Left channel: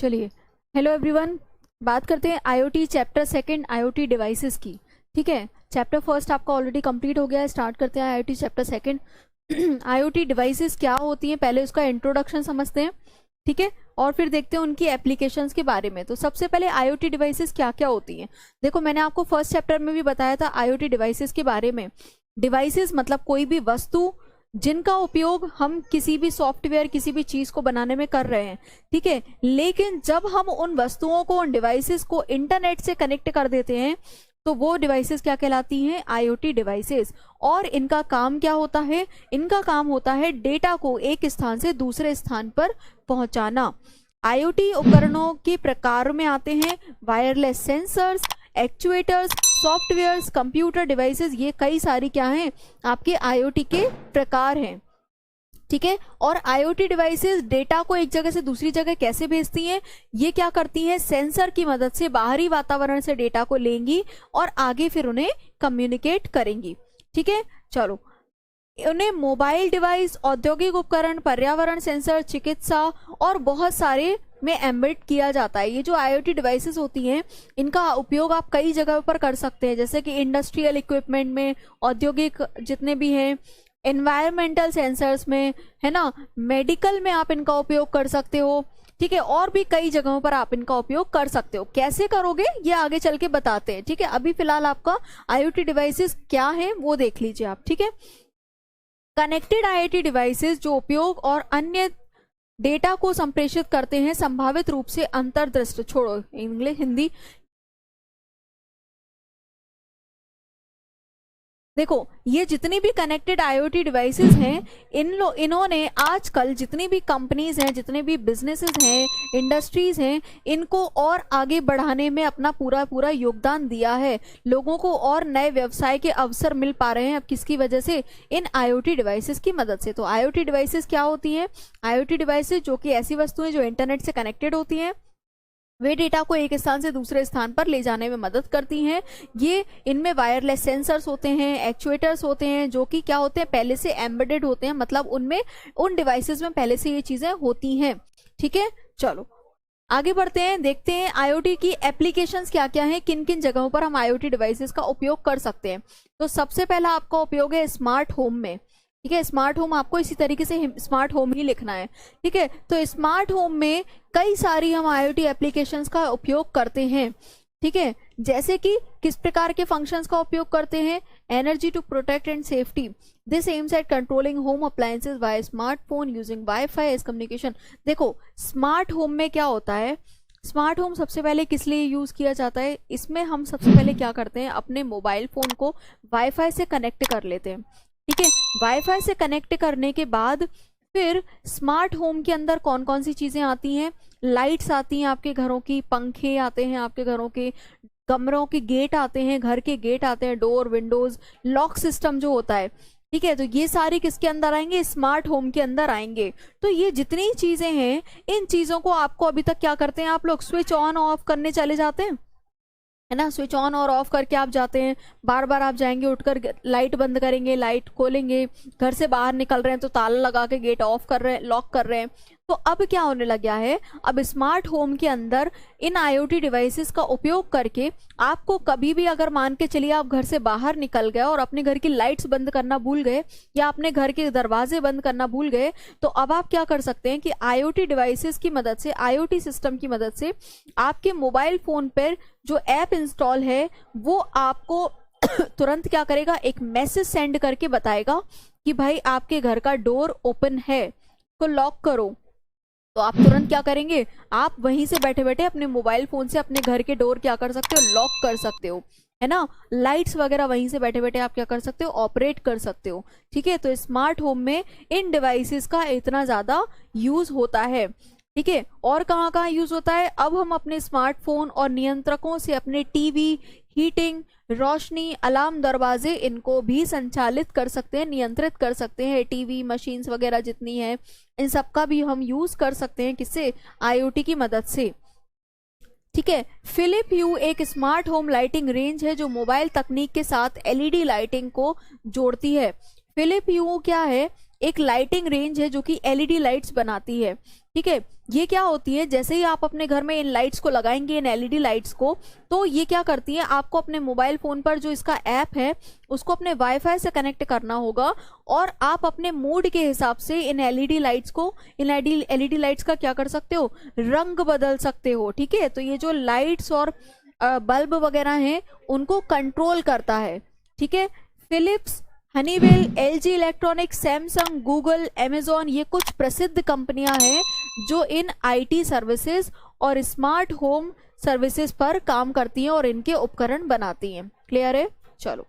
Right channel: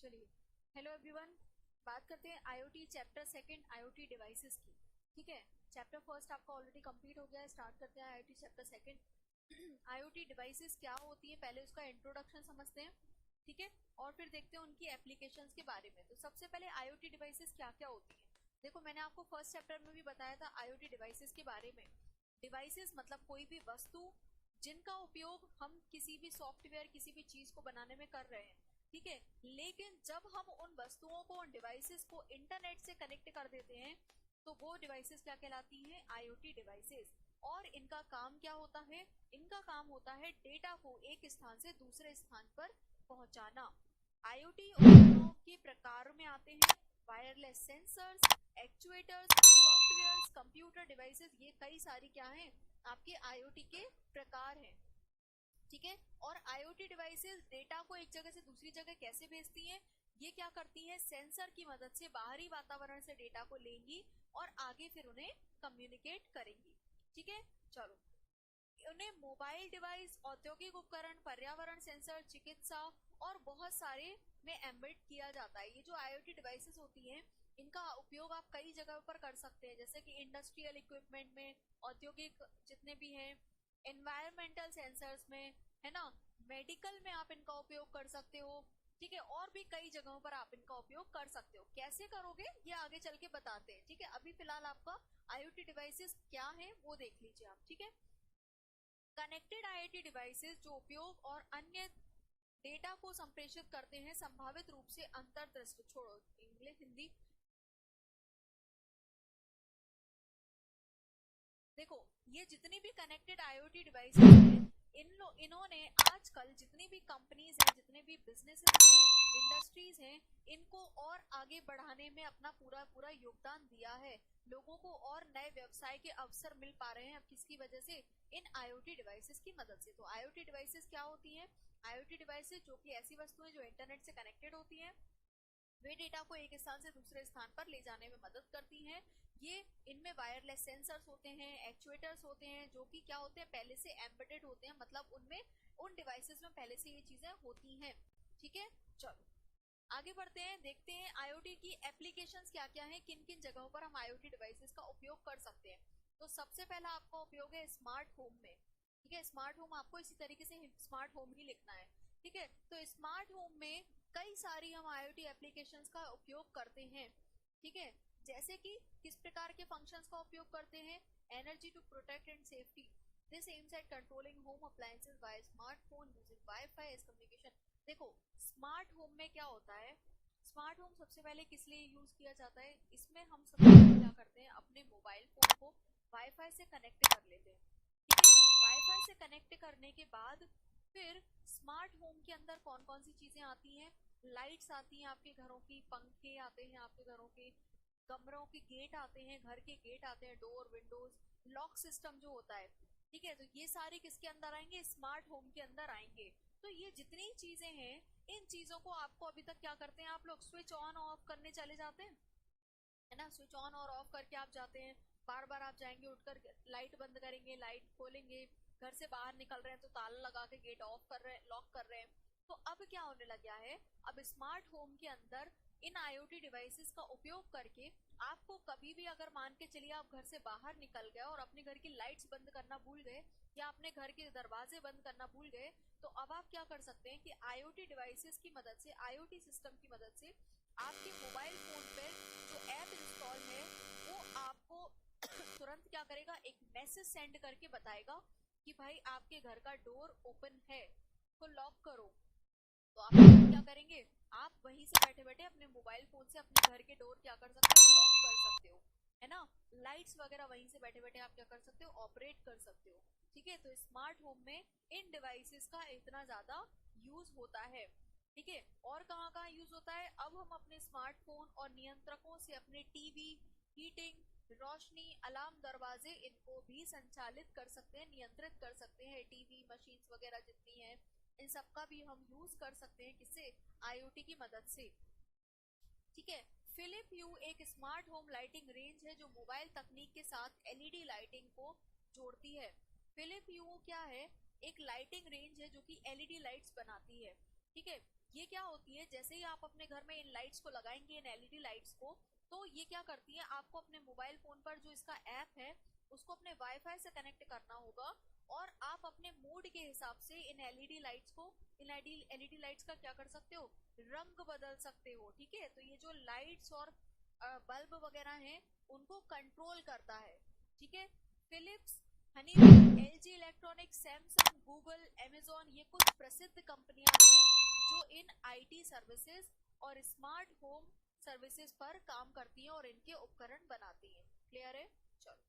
चलिए, hello everyone. बात करते हैं IoT chapter second IoT devices की। ठीक है, चैप्टर फर्स्ट आपका ऑलरेडी कंप्लीट हो गया है। स्टार्ट करते हैं IoT chapter second. IoT devices क्या होती हैं, पहले उसका इंट्रोडक्शन समझते हैं। ठीक है, और फिर देखते हैं उनकी एप्लीकेशंस के बारे में। तो सबसे पहले आईओटी डिवाइसेस क्या क्या होती हैं। देखो, मैंने आपको फर्स्ट चैप्टर में भी बताया था आईओटी डिवाइसेस के बारे में। डिवाइसेस मतलब कोई भी वस्तु जिनका उपयोग हम किसी भी सॉफ्टवेयर किसी भी चीज को बनाने में कर रहे हैं। ठीक है, लेकिन जब हम उन वस्तुओं को उन डिवाइसेस को इंटरनेट से कनेक्ट कर देते हैं तो वो डिवाइसेस क्या कहलाती हैं, आईओटी डिवाइसेस। और इनका काम क्या होता है, इनका काम होता है डेटा को एक स्थान से दूसरे स्थान पर पहुंचाना। आईओटी उपकरणों के प्रकार में आते हैं wireless sensors, actuators, softwares, computer devices. ये कई सारी क्या हैं, आपके आईओटी के प्रकार हैं। ठीक है, और आईओटी डिवाइसेस डेटा को एक जगह से दूसरी जगह कैसे भेजती हैं, ये क्या करती हैं, सेंसर की मदद से बाहरी वातावरण से डेटा को लेंगी और आगे फिर उन्हें कम्युनिकेट करेंगी। ठीक है, चलो, उन्हें मोबाइल डिवाइस, औद्योगिक उपकरण, पर्यावरण सेंसर, चिकित्सा और बहुत सारे में एम्बेड किया जाता है। ये जो आईओटी डिवाइसेस होती हैं इनका उपयोग आप कई जगह पर कर सकते हैं, जैसे कि इंडस्ट्रियल इक्विपमेंट में, औद्योगिक जितने भी हैं, एनवायरमेंटल सेंसर्स में, है ना, मेडिकल में आप इनका उपयोग कर सकते हो। ठीक है, और भी कई जगहों पर आप इनका उपयोग कर सकते हो। कैसे करोगे ये आगे चल के बताते हैं। ठीक है, अभी फिलहाल आपका आईओटी डिवाइसेस क्या है वो देख लीजिए आप। ठीक है, कनेक्टेड आईओटी डिवाइसेस जो उपयोग और अन्य डेटा को संप्रेषित करते हैं संभावित रूप से अंतर्दृष्ट, छोड़ो इंग्लिश हिंदी। देखो, ये जितनी भी कनेक्टेड आईओटी डिवाइसेस हैं इन्होंने आजकल जितनी भी कंपनीज हैं, जितने भी बिजनेसेस हैं, इंडस्ट्रीज हैं, इनको और आगे बढ़ाने में अपना पूरा पूरा योगदान दिया है। लोगों को और नए व्यवसाय के अवसर मिल पा रहे हैं अब किसकी वजह से, इन आईओटी डिवाइसेस की मदद से। तो आईओटी डिवाइसेस क्या होती हैं, आईओटी डिवाइसेस जो कि ऐसी वस्तुएं जो इंटरनेट से कनेक्टेड होती हैं, वे डेटा को एक स्थान से दूसरे स्थान पर ले जाने में मदद करती हैं। ये इनमें वायरलेस सेंसर्स होते हैं, एक्चुएटर्स होते हैं, जो कि क्या होते हैं, पहले से एम्बेडेड होते हैं, मतलब उनमें उन डिवाइसेस में पहले से ये चीजें होती हैं। ठीक है, चलो आगे बढ़ते हैं, देखते हैं आईओटी की एप्लीकेशंस क्या क्या हैं, किन किन जगहों पर हम आईओटी डिवाइसेस का उपयोग कर सकते हैं। तो सबसे पहला आपका उपयोग है स्मार्ट होम में। ठीक है, स्मार्ट होम आपको इसी तरीके से स्मार्ट होम ही लिखना है। ठीक है, तो स्मार्ट होम में कई सारी हम आईओटी एप्लीकेशंस का उपयोग करते हैं। ठीक है, जैसे कि किस प्रकार के फंक्शंस का उपयोग करते हैं, energy to protect and safety, this aims at controlling home appliances by smartphone using WiFi as communication. देखो, स्मार्ट होम में क्या होता है, स्मार्ट होम सबसे पहले किस लिए यूज किया जाता है, इसमें हम सबसे पहले क्या करते हैं, अपने मोबाइल फोन को वाईफाई से कनेक्ट कर लेते हैं। ठीक है, वाईफाई से कनेक्ट करने के बाद फिर स्मार्ट होम के अंदर कौन कौन सी चीजें आती हैं, लाइट्स आती हैं आपके घरों की, पंखे आते हैं आपके घरों के, कमरों के गेट आते हैं, घर के गेट आते हैं, डोर, विंडोज, लॉक सिस्टम जो होता है। ठीक है, तो ये सारी किसके अंदर आएंगे, स्मार्ट होम के अंदर आएंगे। तो ये जितनी चीजें हैं, इन चीजों को आपको अभी तक क्या करते हैं, आप लोग स्विच ऑन ऑफ करने चले जाते हैं, है ना, स्विच ऑन और ऑफ करके आप जाते हैं, बार बार आप जाएंगे, उठकर लाइट बंद करेंगे, लाइट खोलेंगे, घर से बाहर निकल रहे हैं तो ताला लगा के गेट ऑफ कर रहे हैं, लॉक कर रहे हैं। तो अब क्या होने लग गया है, अब स्मार्ट होम के अंदर इन आईओटी डिवाइसेस का उपयोग करके आपको कभी भी, अगर मान के चलिए आप घर से बाहर निकल गए और अपने घर की लाइट्स बंद करना भूल गए या अपने घर के दरवाजे बंद करना भूल गए, तो अब आप क्या कर सकते हैं कि आईओटी डिवाइसेस की मदद से, आईओटी सिस्टम की मदद से आपके मोबाइल फोन पर जो ऐप इंस्टॉल है वो आपको तुरंत क्या करेगा, एक मैसेज सेंड करके बताएगा कि भाई आपके घर का डोर ओपन है, को लॉक करो। तो आप तुरंत क्या करेंगे, आप वहीं से बैठे बैठे अपने मोबाइल फोन से अपने घर के डोर क्या कर सकते हो, लॉक कर सकते हो, है ना, लाइट्स वगैरह वहीं से बैठे बैठे आप क्या कर सकते हो, ऑपरेट कर सकते हो। ठीक है, तो स्मार्ट होम में इन डिवाइसेस का इतना ज्यादा यूज होता है। ठीक है, और कहाँ कहाँ यूज होता है, अब हम अपने स्मार्टफोन और नियंत्रकों से अपने टीवी, हीटिंग, रोशनी, अलार्म, दरवाजे, इनको भी संचालित कर सकते हैं, नियंत्रित कर सकते हैं। टीवी, मशीन्स वगैरह जितनी है, इन सब का भी हम यूज कर सकते हैं, किससे, आईओटी की मदद से। ठीक है, फिलिप यू एक स्मार्ट होम लाइटिंग रेंज है जो मोबाइल तकनीक के साथ एलईडी लाइटिंग को जोड़ती है। फिलिप यू क्या है, एक लाइटिंग रेंज है जो कि एलईडी लाइट्स बनाती है। ठीक है, ये क्या होती है, जैसे ही आप अपने घर में इन लाइट्स को लगाएंगे, इन एलईडी लाइट्स को, तो ये क्या करती है, आपको अपने मोबाइल फोन पर जो इसका ऐप है उसको अपने वाईफाई से कनेक्ट करना होगा, और आप अपने मूड के हिसाब से इन एलईडी लाइट्स को, इन एलईडी लाइट्स का क्या कर सकते हो, रंग बदल सकते हो। ठीक है, तो ये जो लाइट्स और बल्ब वगैरह हैं उनको कंट्रोल करता है। ठीक है, Philips, Honeywell, LG electronics, Samsung, Google, Amazon, ये कुछ प्रसिद्ध कंपनियां हैं जो इन आईटी सर्विसेज और स्मार्ट होम सर्विसेज पर काम करती हैं और इनके उपकरण बनाती हैं। क्लियर है? चलो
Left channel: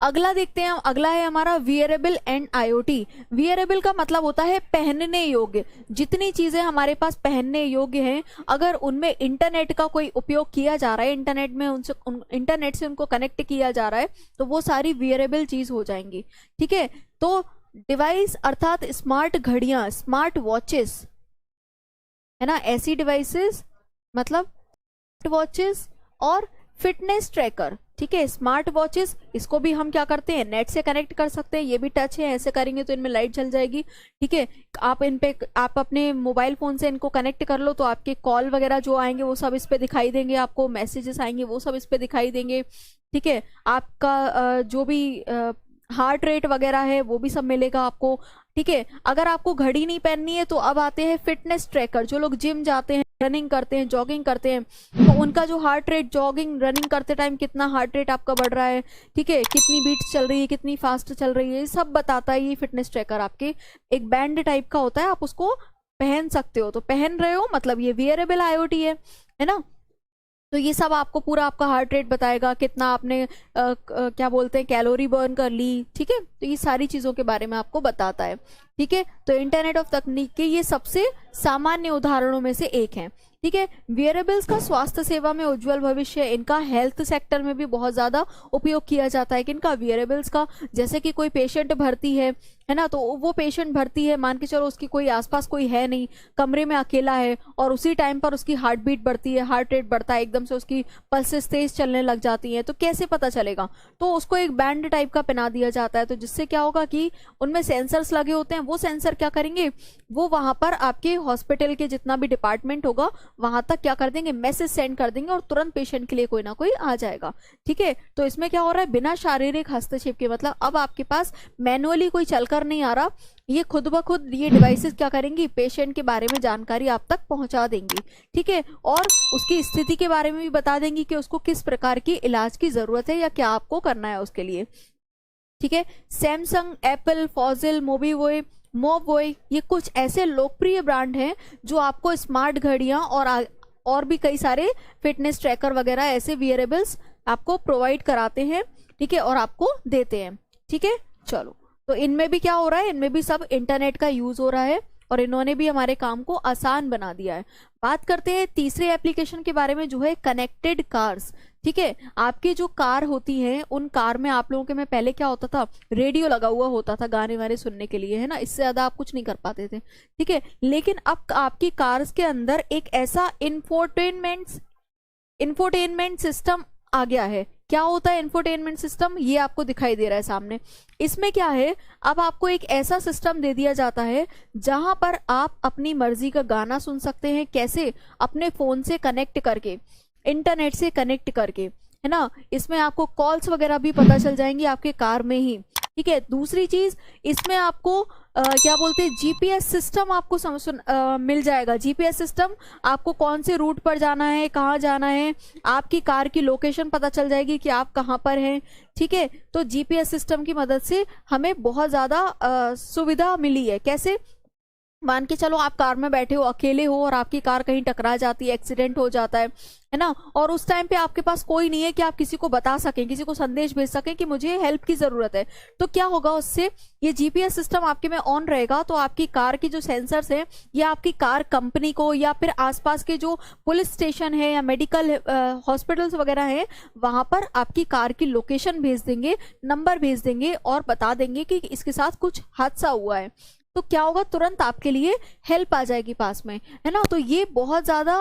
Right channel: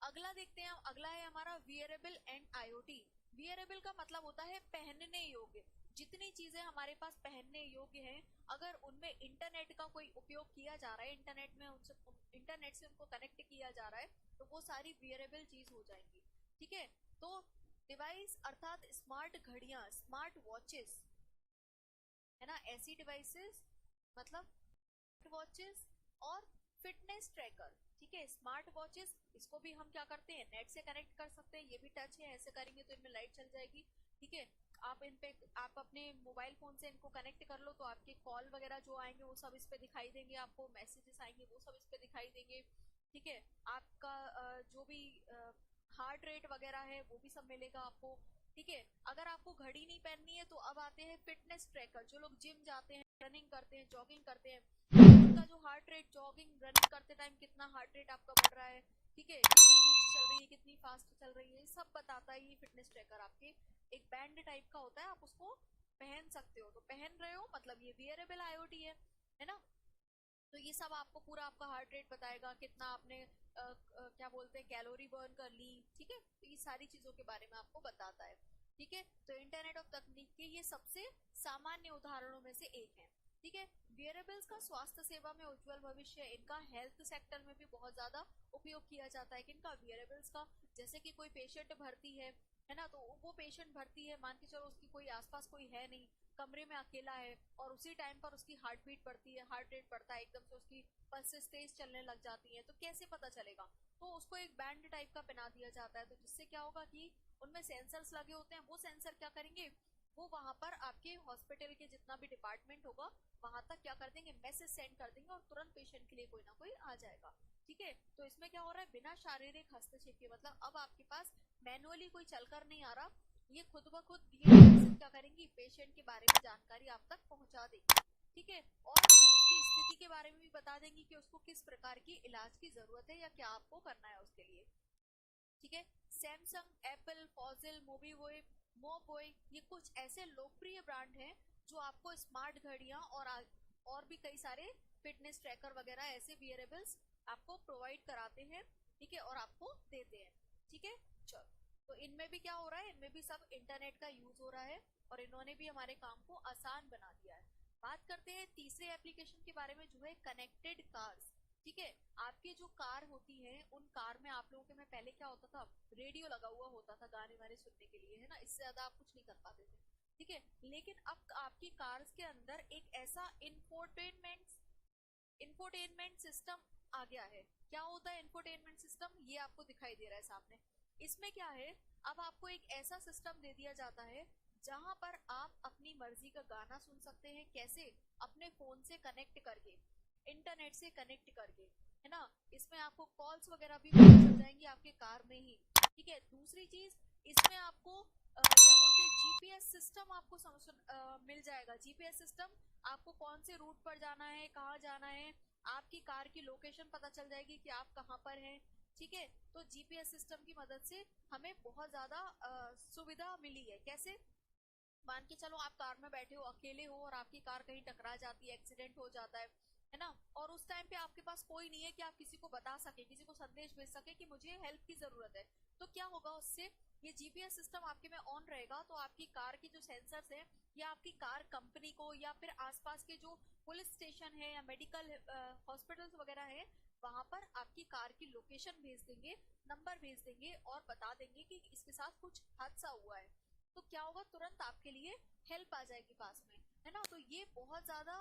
अगला देखते हैं। अगला है हमारा वियरेबल एंड आईओटी। वियरेबल का मतलब होता है पहनने योग्य। जितनी चीजें हमारे पास पहनने योग्य हैं, अगर उनमें इंटरनेट का कोई उपयोग किया जा रहा है, इंटरनेट से उनको कनेक्ट किया जा रहा है, तो वो सारी वियरेबल चीज हो जाएंगी। ठीक है, तो डिवाइस अर्थात स्मार्ट घड़ियां, स्मार्ट वॉचेस, है ना, ऐसी डिवाइसेस मतलब वॉचेस और फिटनेस ट्रैकर। ठीक है, स्मार्ट वॉचेस, इसको भी हम क्या करते हैं, नेट से कनेक्ट कर सकते हैं। ये भी टच है, ऐसे करेंगे तो इनमें लाइट जल जाएगी। ठीक है, आप अपने मोबाइल फोन से इनको कनेक्ट कर लो, तो आपके कॉल वगैरह जो आएंगे वो सब इस पे दिखाई देंगे, आपको मैसेजेस आएंगे वो सब इस पे दिखाई देंगे। ठीक है, आपका जो भी हार्ट रेट वगैरह है वो भी सब मिलेगा आपको। ठीक है, अगर आपको घड़ी नहीं पहननी है तो अब आते हैं फिटनेस ट्रैकर। जो लोग जिम जाते हैं, रनिंग करते हैं, जॉगिंग करते हैं, तो उनका जो हार्ट रेट, जॉगिंग रनिंग करते टाइम कितना हार्ट रेट आपका बढ़ रहा है, ठीक है, कितनी बीट्स चल रही है, कितनी फास्ट चल रही है, ये सब बताता है ये फिटनेस ट्रैकर। आपके एक बैंड टाइप का होता है, आप उसको पहन सकते हो, तो पहन रहे हो मतलब ये वियरेबल आईओटी है ना। तो ये सब आपको पूरा आपका हार्ट रेट बताएगा, कितना आपने क्या बोलते हैं कैलोरी बर्न कर ली। ठीक है, तो ये सारी चीजों के बारे में आपको बताता है। ठीक है, तो इंटरनेट ऑफ तकनीक के ये सबसे सामान्य उदाहरणों में से एक है। ठीक है, वियरेबल्स का स्वास्थ्य सेवा में उज्जवल भविष्य, इनका हेल्थ सेक्टर में भी बहुत ज्यादा उपयोग किया जाता है। किनका, वियरेबल्स का। जैसे कि कोई पेशेंट भर्ती है ना, तो वो पेशेंट भर्ती है, मान के चलो उसकी कोई आसपास कोई है नहीं, कमरे में अकेला है, और उसी टाइम पर उसकी हार्ट बीट बढ़ती है, हार्ट रेट बढ़ता है, एकदम से उसकी पल्सेस तेज चलने लग जाती हैं, तो कैसे पता चलेगा, तो उसको एक बैंड टाइप का पहना दिया जाता है। तो जिससे क्या होगा कि उनमें सेंसर्स लगे होते हैं, वो सेंसर क्या करेंगे, वो वहां पर आपके हॉस्पिटल के जितना भी डिपार्टमेंट होगा वहां तक क्या कर देंगे, मैसेज सेंड कर देंगे, और तुरंत पेशेंट के लिए कोई ना कोई आ जाएगा। ठीक है, तो इसमें क्या हो रहा है, बिना शारीरिक हस्तक्षेप के, मतलब अब आपके पास मैनुअली कोई चलकर नहीं आ रहा, ये खुद ब खुद ये डिवाइसेस क्या करेंगी, पेशेंट के बारे में जानकारी आप तक पहुंचा देंगी। ठीक है, और उसकी स्थिति के बारे में भी बता देंगी कि उसको किस प्रकार की इलाज की जरूरत है या क्या आपको करना है उसके लिए। ठीक है, सैमसंग, एप्पल, फॉजिल, मोबीवॉय, मोबवॉय, ये कुछ ऐसे लोकप्रिय ब्रांड हैं जो आपको स्मार्ट घड़ियां और भी कई सारे फिटनेस ट्रैकर वगैरह ऐसे वियरेबल्स आपको प्रोवाइड कराते हैं। ठीक है, और आपको देते हैं। ठीक है, चलो, तो इनमें भी क्या हो रहा है, इनमें भी सब इंटरनेट का यूज हो रहा है, और इन्होंने भी हमारे काम को आसान बना दिया है। बात करते हैं तीसरे एप्लीकेशन के बारे में, जो है कनेक्टेड कार्स। ठीक है, आपकी जो कार होती है, उन कार में आप लोगों के में पहले क्या होता था, रेडियो लगा हुआ होता था गाने वाने सुनने के लिए, है ना, इससे ज्यादा आप कुछ नहीं कर पाते थे। ठीक है, लेकिन अब आपकी कार्स के अंदर एक ऐसा इंफोटेनमेंट सिस्टम आ गया है। क्या होता है इंफोटेनमेंट सिस्टम, ये आपको दिखाई दे रहा है सामने। इसमें क्या है, अब आपको एक ऐसा सिस्टम दे दिया जाता है जहां पर आप अपनी मर्जी का गाना सुन सकते हैं। कैसे, अपने फोन से कनेक्ट करके, इंटरनेट से कनेक्ट करके, है ना। इसमें आपको कॉल्स वगैरह भी पता चल जाएंगी आपके कार में ही। ठीक है, दूसरी चीज, इसमें आपको क्या बोलते हैं, जीपीएस सिस्टम आपको मिल जाएगा। जीपीएस सिस्टम, आपको कौन से रूट पर जाना है, कहाँ जाना है, आपकी कार की लोकेशन पता चल जाएगी कि आप कहाँ पर हैं। ठीक है, तो जीपीएस सिस्टम की मदद से हमें बहुत ज्यादा सुविधा मिली है। कैसे, मान के चलो आप कार में बैठे हो, अकेले हो, और आपकी कार कहीं टकरा जाती है, एक्सीडेंट हो जाता है ना, और उस टाइम पे आपके पास कोई नहीं है कि आप किसी को बता सकें, किसी को संदेश भेज सकें कि मुझे हेल्प की जरूरत है। तो क्या होगा उससे, ये जीपीएस सिस्टम आपके में ऑन रहेगा, तो आपकी कार की जो सेंसर्स है, या आपकी कार कंपनी को, या फिर आसपास के जो पुलिस स्टेशन है या मेडिकल हॉस्पिटल्स वगैरह हैं, वहां पर आपकी कार की लोकेशन भेज देंगे, नंबर भेज देंगे, और बता देंगे कि इसके साथ कुछ हादसा हुआ है। तो क्या होगा, तुरंत आपके लिए हेल्प आ जाएगी पास में, है ना। तो ये बहुत ज्यादा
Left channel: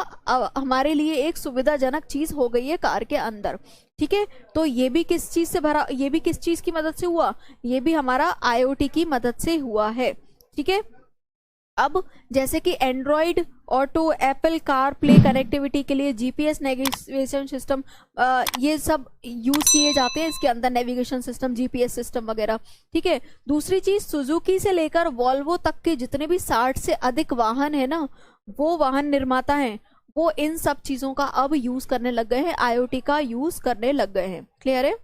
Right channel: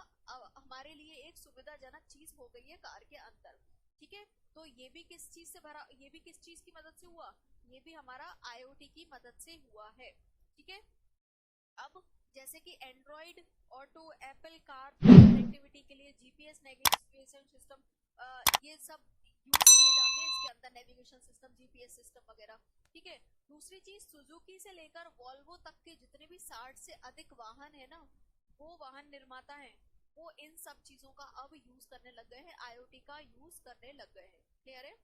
हमारे लिए एक सुविधाजनक चीज हो गई है कार के अंदर। ठीक है, तो ये भी किस चीज से भरा, ये भी किस चीज की मदद से हुआ, ये भी हमारा आईओटी की मदद से हुआ है। ठीक है, अब जैसे कि Android auto, Apple car play connectivity के लिए जीपीएस नेविगेशन सिस्टम, ये सब यूज किए जाते हैं इसके अंदर, नेविगेशन सिस्टम, जीपीएस सिस्टम वगैरह। ठीक है। दूसरी चीज, सुजुकी से लेकर वॉल्वो तक के जितने भी 60 से अधिक वाहन है ना, वो वाहन निर्माता हैं, वो इन सब चीजों का अब यूज करने लग गए हैं, आईओटी का यूज करने लग गए हैं। क्लियर है?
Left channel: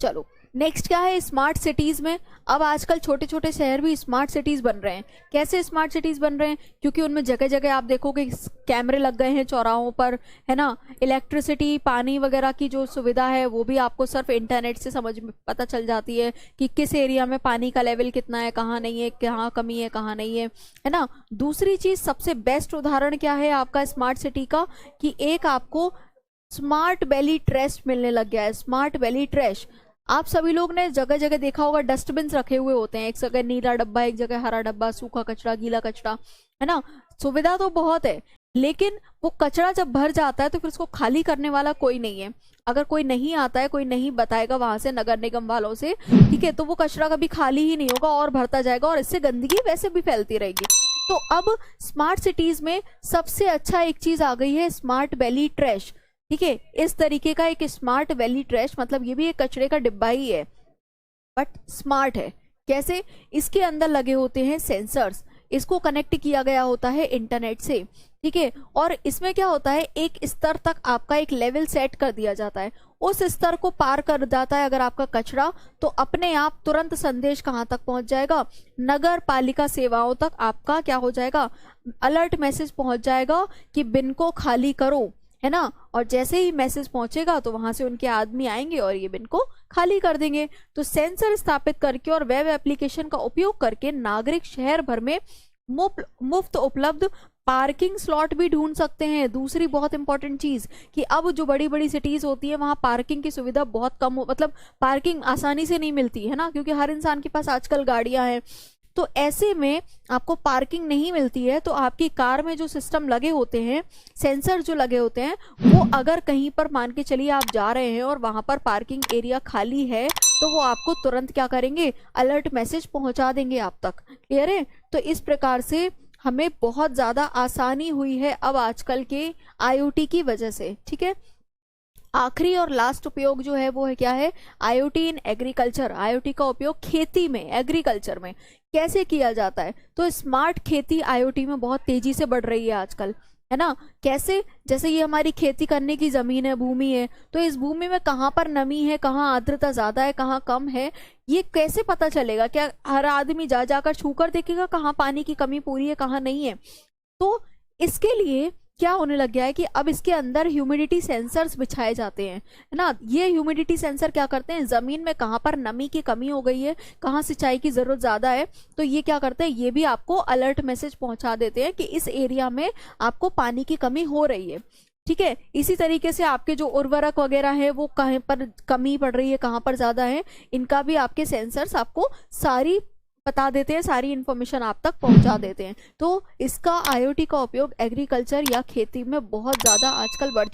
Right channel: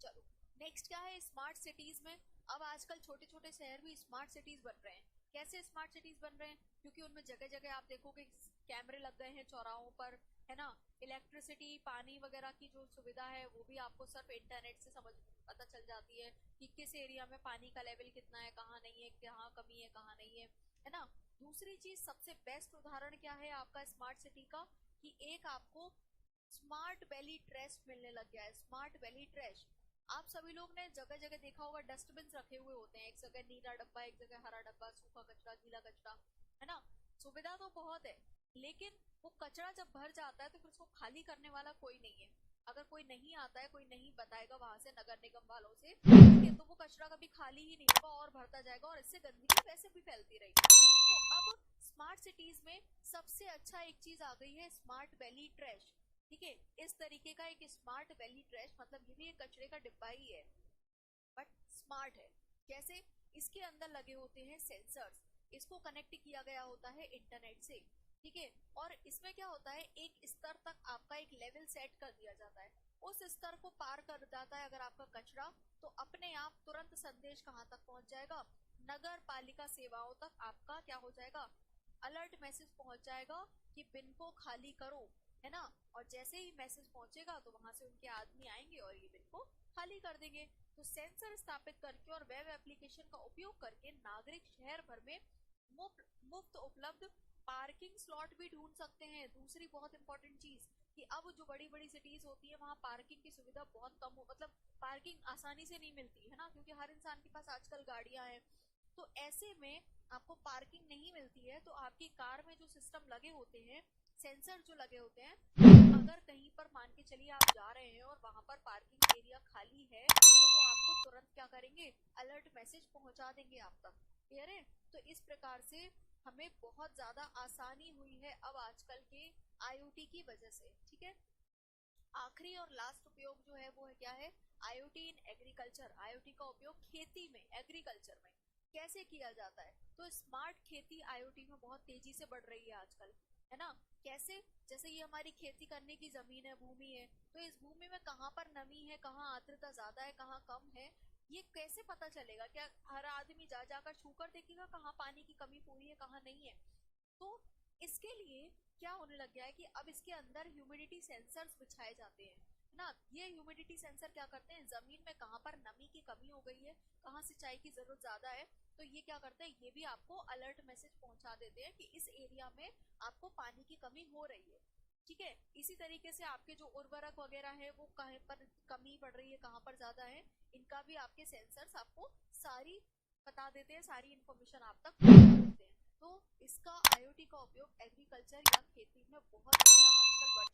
चलो नेक्स्ट क्या है, स्मार्ट सिटीज में अब आजकल छोटे छोटे शहर भी स्मार्ट सिटीज बन रहे हैं। कैसे स्मार्ट सिटीज बन रहे हैं? क्योंकि उनमें जगह जगह आप देखोगे कैमरे लग गए हैं चौराहों पर, है ना। इलेक्ट्रिसिटी, पानी वगैरह की जो सुविधा है वो भी आपको सिर्फ इंटरनेट से समझ में पता चल जाती है कि किस एरिया में पानी का लेवल कितना है, कहाँ नहीं है, कहाँ कमी है, कहाँ नहीं है ना। दूसरी चीज, सबसे बेस्ट उदाहरण क्या है आपका स्मार्ट सिटी का, कि एक आपको स्मार्ट वैली ट्रैश मिलने लग गया है। स्मार्ट वैली ट्रैश, आप सभी लोग ने जगह जगह देखा होगा, डस्टबिन रखे हुए होते हैं, एक जगह नीला डब्बा, एक जगह हरा डब्बा, सूखा कचरा, गीला कचरा, है ना। सुविधा तो बहुत है, लेकिन वो कचरा जब भर जाता है तो फिर उसको खाली करने वाला कोई नहीं है। अगर कोई नहीं आता है, कोई नहीं बताएगा वहां से, नगर निगम वालों से, ठीक है, तो वो कचरा कभी खाली ही नहीं होगा और भरता जाएगा, और इससे गंदगी वैसे भी फैलती रहेगी। तो अब स्मार्ट सिटीज में सबसे अच्छा एक चीज आ गई है, स्मार्ट वैली ट्रैश। ठीक है, इस तरीके का एक स्मार्ट वैली ट्रैश, मतलब ये भी एक कचरे का डिब्बा ही है, बट स्मार्ट है। कैसे? इसके अंदर लगे होते हैं सेंसर्स, इसको कनेक्ट किया गया होता है इंटरनेट से। ठीक है, और इसमें क्या होता है, एक स्तर तक आपका एक लेवल सेट कर दिया जाता है, उस स्तर को पार कर जाता है अगर आपका कचरा, तो अपने आप तुरंत संदेश कहाँ तक पहुंच जाएगा, नगर पालिका सेवाओं तक आपका क्या हो जाएगा, अलर्ट मैसेज पहुंच जाएगा कि बिन को खाली करो, है ना। और जैसे ही मैसेज पहुंचेगा तो वहां से उनके आदमी आएंगे और ये बिन को खाली कर देंगे। तो सेंसर स्थापित करके और वेब एप्लीकेशन का उपयोग करके नागरिक शहर भर में मुफ्त उपलब्ध पार्किंग स्लॉट भी ढूंढ सकते हैं। दूसरी बहुत इंपॉर्टेंट चीज, कि अब जो बड़ी बड़ी सिटीज होती है वहां पार्किंग की सुविधा बहुत कम मतलब पार्किंग आसानी से नहीं मिलती है ना, क्योंकि हर इंसान के पास आजकल गाड़ियां हैं। तो ऐसे में आपको पार्किंग नहीं मिलती है, तो आपकी कार में जो सिस्टम लगे होते हैं, सेंसर जो लगे होते हैं, वो अगर कहीं पर मान के चलिए आप जा रहे हैं और वहां पर पार्किंग एरिया खाली है, तो वो आपको तुरंत क्या करेंगे, अलर्ट मैसेज पहुंचा देंगे आप तक। क्लियर है? तो इस प्रकार से हमें बहुत ज्यादा आसानी हुई है अब आजकल के आईओटी की वजह से। ठीक है, आखिरी और लास्ट उपयोग जो है वो है क्या है, आईओटी इन एग्रीकल्चर। आईओटी का उपयोग खेती में, एग्रीकल्चर में कैसे किया जाता है? तो स्मार्ट खेती आईओटी में बहुत तेजी से बढ़ रही है आजकल, है ना। कैसे? जैसे ये हमारी खेती करने की जमीन है, भूमि है, तो इस भूमि में कहाँ पर नमी है, कहाँ आर्द्रता ज्यादा है, कहाँ कम है, ये कैसे पता चलेगा? क्या हर आदमी जा जाकर छूकर देखेगा कहाँ पानी की कमी पूरी है, कहाँ नहीं है? तो इसके लिए क्या होने लग गया है कि अब इसके अंदर ह्यूमिडिटी सेंसर्स बिछाए जाते हैं, है ना। ये ह्यूमिडिटी सेंसर क्या करते हैं, जमीन में कहाँ पर नमी की कमी हो गई है, कहाँ सिंचाई की जरूरत ज्यादा है, तो ये क्या करते हैं, ये भी आपको अलर्ट मैसेज पहुंचा देते हैं कि इस एरिया में आपको पानी की कमी हो रही है। ठीक है, इसी तरीके से आपके जो उर्वरक वगैरह है वो कहीं पर कमी पड़ रही है, कहाँ पर ज्यादा है, इनका भी आपके सेंसर्स आपको सारी बता देते हैं, सारी इन्फॉर्मेशन आप तक पहुंचा देते हैं। तो इसका आईओटी का उपयोग एग्रीकल्चर या खेती में बहुत ज्यादा आजकल बढ़